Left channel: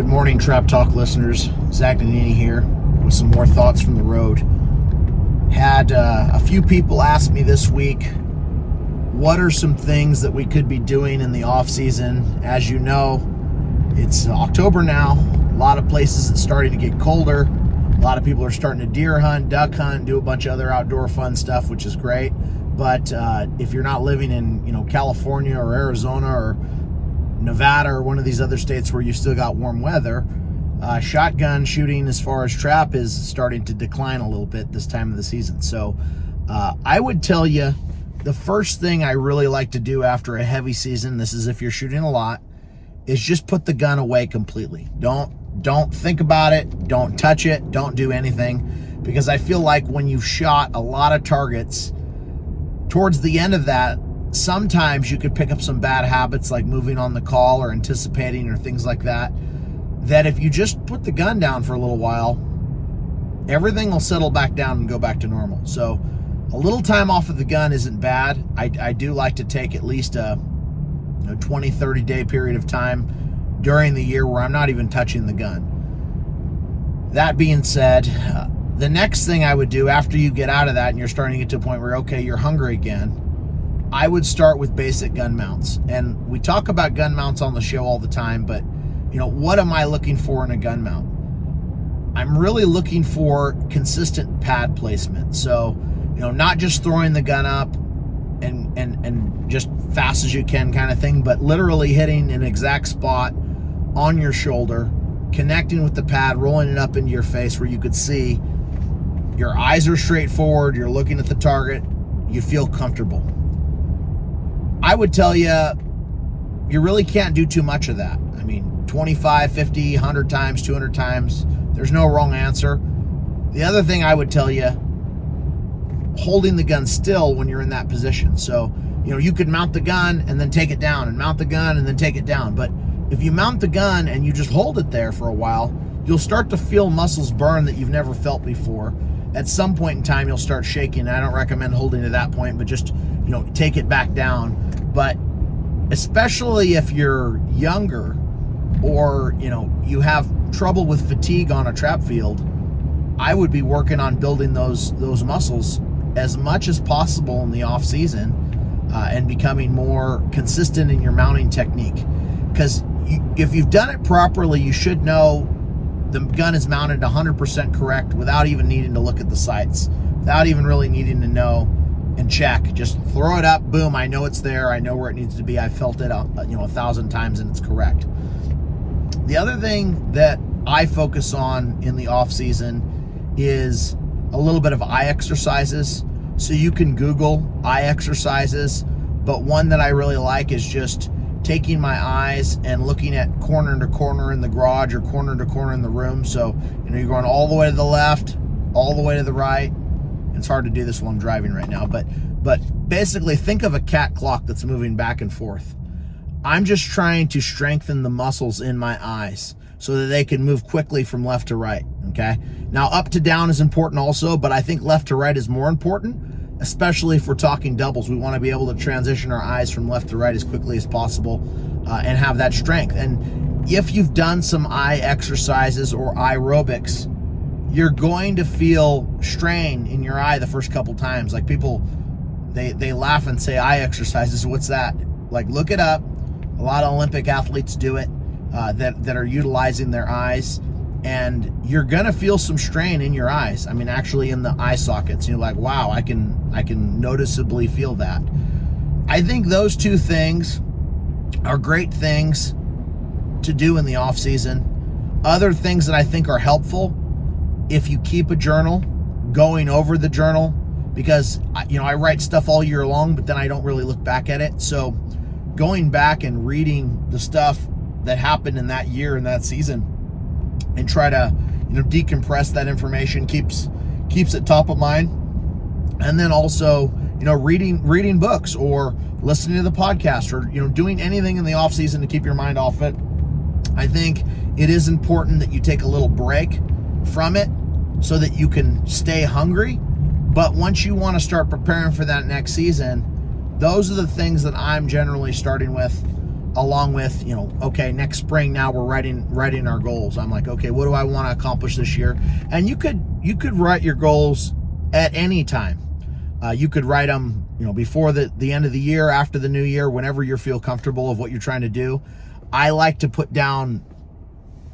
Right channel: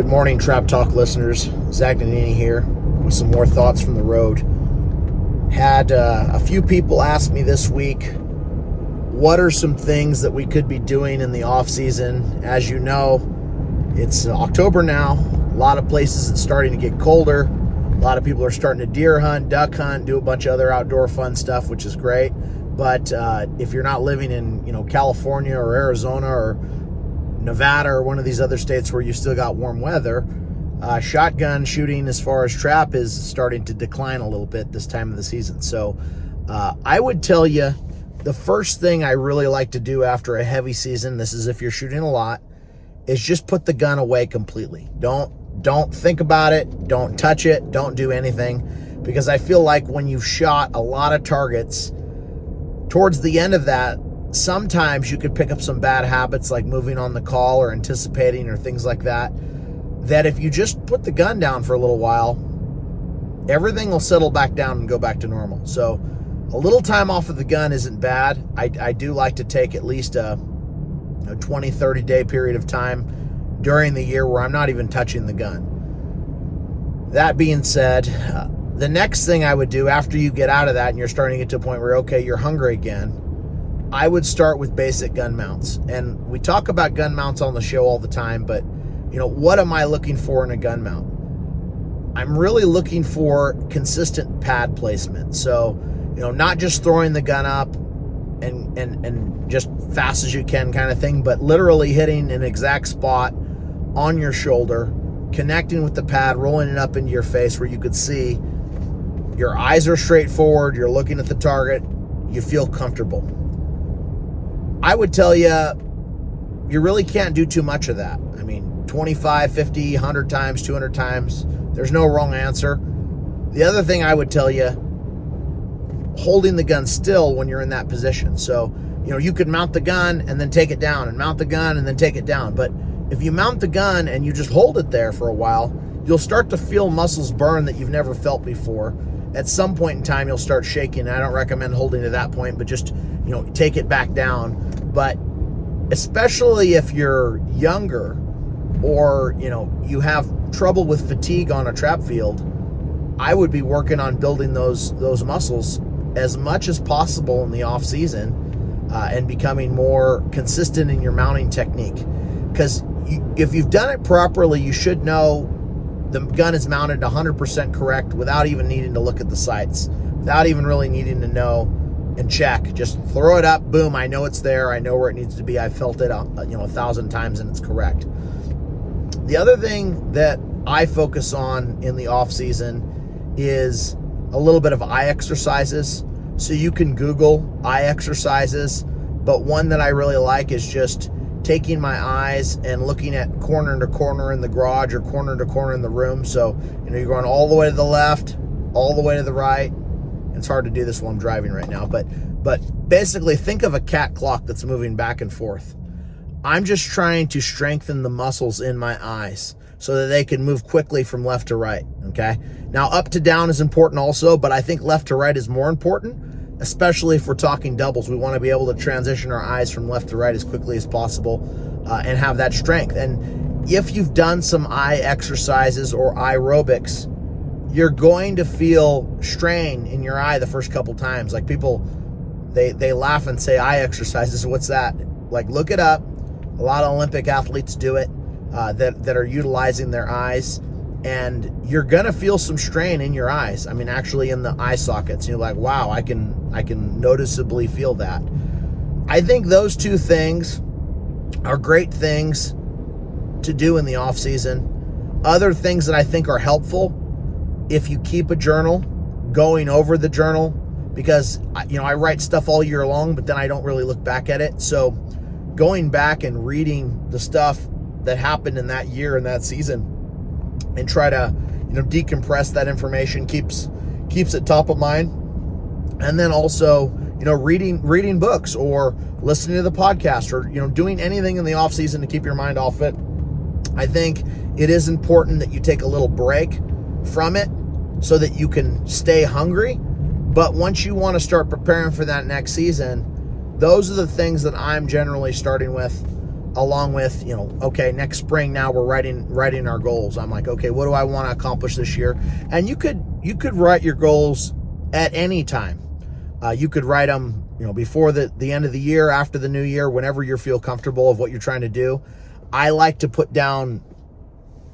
Good morning, Trap Talk listeners. Zach Nannini here with some more thoughts from the road. Had a few people ask me this week, what are some things that we could be doing in the off season? As you know, it's October now. A lot of places it's starting to get colder. A lot of people are starting to deer hunt, duck hunt, do a bunch of other outdoor fun stuff, which is great. But if you're not living in California or Arizona or Nevada or one of these other states where you still got warm weather, shotgun shooting as far as trap is starting to decline a little bit this time of the season. So I would tell you the first thing I really like to do after a heavy season, this is if you're shooting a lot, is just put the gun away completely. Don't think about it, don't touch it, don't do anything, because I feel like when you've shot a lot of targets, towards the end of that, sometimes you could pick up some bad habits like moving on the call or anticipating or things like that, that if you just put the gun down for a little while, everything will settle back down and go back to normal. So a little time off of the gun isn't bad. I do like to take at least a 20, 30 day period of time during the year where I'm not even touching the gun. That being said, the next thing I would do after you get out of that and you're starting to get to a point where, okay, you're hungry again, I would start with basic gun mounts. And we talk about gun mounts on the show all the time, but what am I looking for in a gun mount? I'm really looking for consistent pad placement. So, not just throwing the gun up and just fast as you can kind of thing, but literally hitting an exact spot on your shoulder, connecting with the pad, rolling it up into your face where you could see your eyes are straight forward, you're looking at the target, you feel comfortable. I would tell you, you really can't do too much of that. I mean, 25, 50, 100 times, 200 times, there's no wrong answer. The other thing I would tell you, holding the gun still when you're in that position. So, you could mount the gun and then take it down, and mount the gun and then take it down. But if you mount the gun and you just hold it there for a while, you'll start to feel muscles burn that you've never felt before. At some point in time, you'll start shaking. I don't recommend holding to that point, but just, take it back down. But especially if you're younger or, you have trouble with fatigue on a trap field, I would be working on building those muscles as much as possible in the off season and becoming more consistent in your mounting technique. Because if you've done it properly, you should know the gun is mounted 100% correct without even needing to look at the sights, without even really needing to know and check. Just throw it up, boom, I know it's there, I know where it needs to be, I felt it 1,000 times and it's correct. The other thing that I focus on in the off season is a little bit of eye exercises. So you can Google eye exercises, but one that I really like is just taking my eyes and looking at corner to corner in the garage or corner to corner in the room. So, you're going all the way to the left, all the way to the right. It's hard to do this while I'm driving right now, but basically think of a cat clock that's moving back and forth. I'm just trying to strengthen the muscles in my eyes so that they can move quickly from left to right, okay? Now, up to down is important also, but I think left to right is more important, especially if we're talking doubles. We want to be able to transition our eyes from left to right as quickly as possible and have that strength. And if you've done some eye exercises or aerobics, you're going to feel strain in your eye the first couple times. Like people, they laugh and say, eye exercises, what's that? Like, look it up. A lot of Olympic athletes do it that are utilizing their eyes, and you're gonna feel some strain in your eyes. I mean, actually in the eye sockets. You're like, wow, I can noticeably feel that. I think those two things are great things to do in the off season. Other things that I think are helpful, if you keep a journal, going over the journal, because I write stuff all year long, but then I don't really look back at it. So going back and reading the stuff that happened in that year and that season and try to decompress that information keeps it top of mind. And then also reading books or listening to the podcast or doing anything in the off season to keep your mind off it. I think it is important that you take a little break from it so that you can stay hungry. But once you want to start preparing for that next season, those are the things that I'm generally starting with. along with, okay, next spring now we're writing our goals. I'm like, okay, what do I want to accomplish this year? And you could write your goals at any time. You could write them, before the end of the year, after the new year, whenever you feel comfortable of what you're trying to do. I like to put down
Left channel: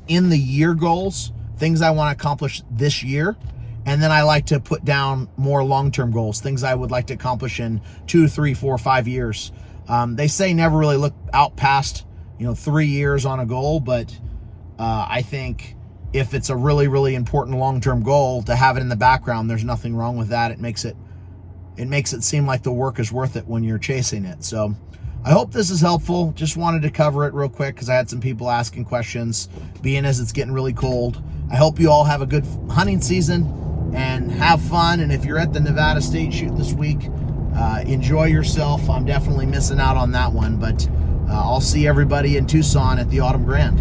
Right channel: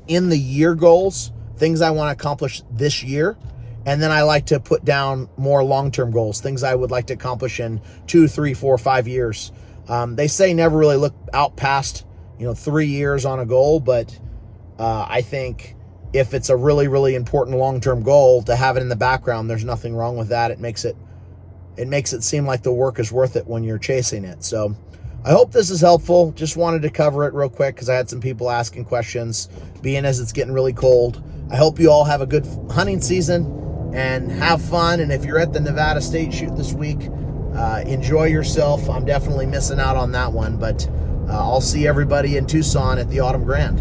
in the year goals, things I want to accomplish this year. And then I like to put down more long-term goals, things I would like to accomplish in 2, 3, 4, 5 years. They say never really look out past, 3 years on a goal, but I think if it's a really, really important long-term goal, to have it in the background, there's nothing wrong with that. It makes it seem like the work is worth it when you're chasing it. So I hope this is helpful. Just wanted to cover it real quick because I had some people asking questions, being as it's getting really cold. I hope you all have a good hunting season and have fun. And if you're at the Nevada State Shoot this week, enjoy yourself. I'm definitely missing out on that one, but I'll see everybody in Tucson at the Autumn Grand.